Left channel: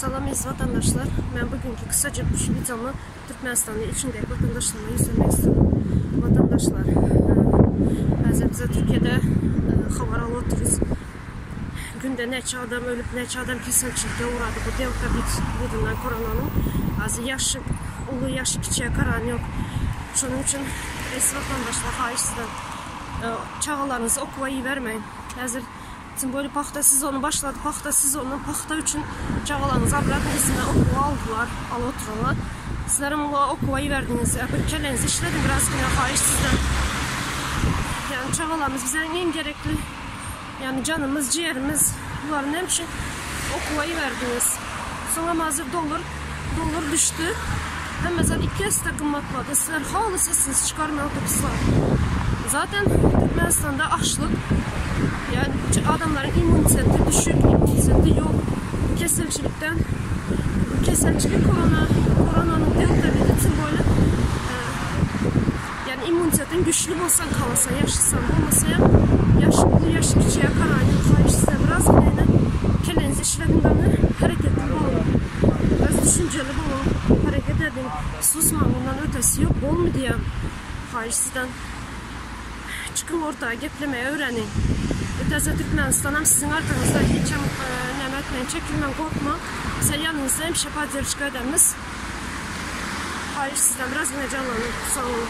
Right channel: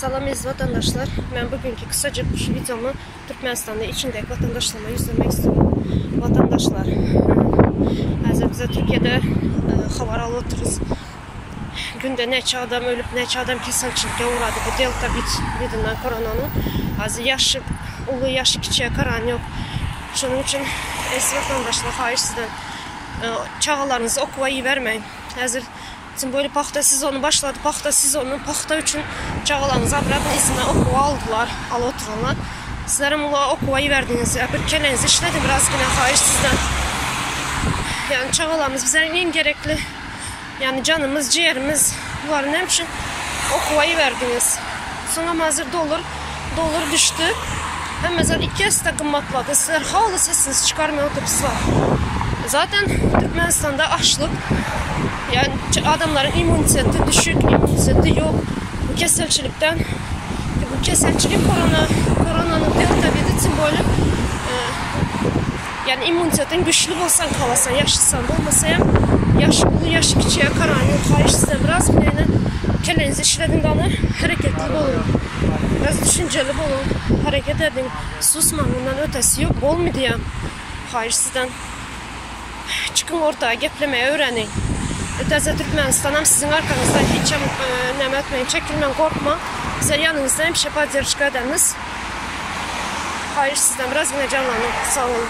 Salam aziz vatandaşlar. Ben bugünkü kısaca bu videomu Türkmenistan'da içindeki vatandaşlarıma yüzlemek istiyorum. Vatandaşlar, bize Türkiye'de haber alıyoruz. Günde neçə adam ölüb, neçə adam kesinlikle uğradı bu delta vidinden koronanın. Yaşı, ulu yaşı kiçiğe karan yok. Şunun için aziz vatandaşlar, hayır sizden çağalarınızı okuvayı vermeyin. Hazır böyle paxta sezonu başladı. Paxta sezonu, paxta üçün çağalarınızı abradın izinə okuva aldılar, alıtıranlar. Sizlərin okuvayı verdiniz, kələyinizi işlədim biraz yine hayır sizden. Yani çağalarımız bize en gerekli, yani canımız, ciğerimiz, bunların hepsi okuvayı verdiniz. Sonra hazır dolar düştü. Hem mesela 2 esnaf kımmatladı. Sizler halı sesiniz çıkarmaya otobüsler. Zaten Türkmenistan'da açlık. Yani adamların immuniteti düşük, immuniteti yok. Bu keselçilikten, bu keselçilik koronanın delta virüsü böyle yani immunitetin güçlü olsan kalasan, yaşlısan da olmasa ya yaşı küçüğe karan yok. Hayır sizden biraz yine kelenizi işledin kanı hareketli olun. Biraz düşünceli olun, hareket edin. Susmayın, bundan ötesi yok. Bol mu diyeyim? Hayır sizden. Çıkın ortaya, geplemeye öğrenin. Ötesi Türkmenistan'ım sizin arkanızdan hiç nem etmeyin, çekilmeyin, korkma. Bize yanınızda hemşe podдержка ediniz. Hayır sizden biraz yine canlanın. Sağ olun.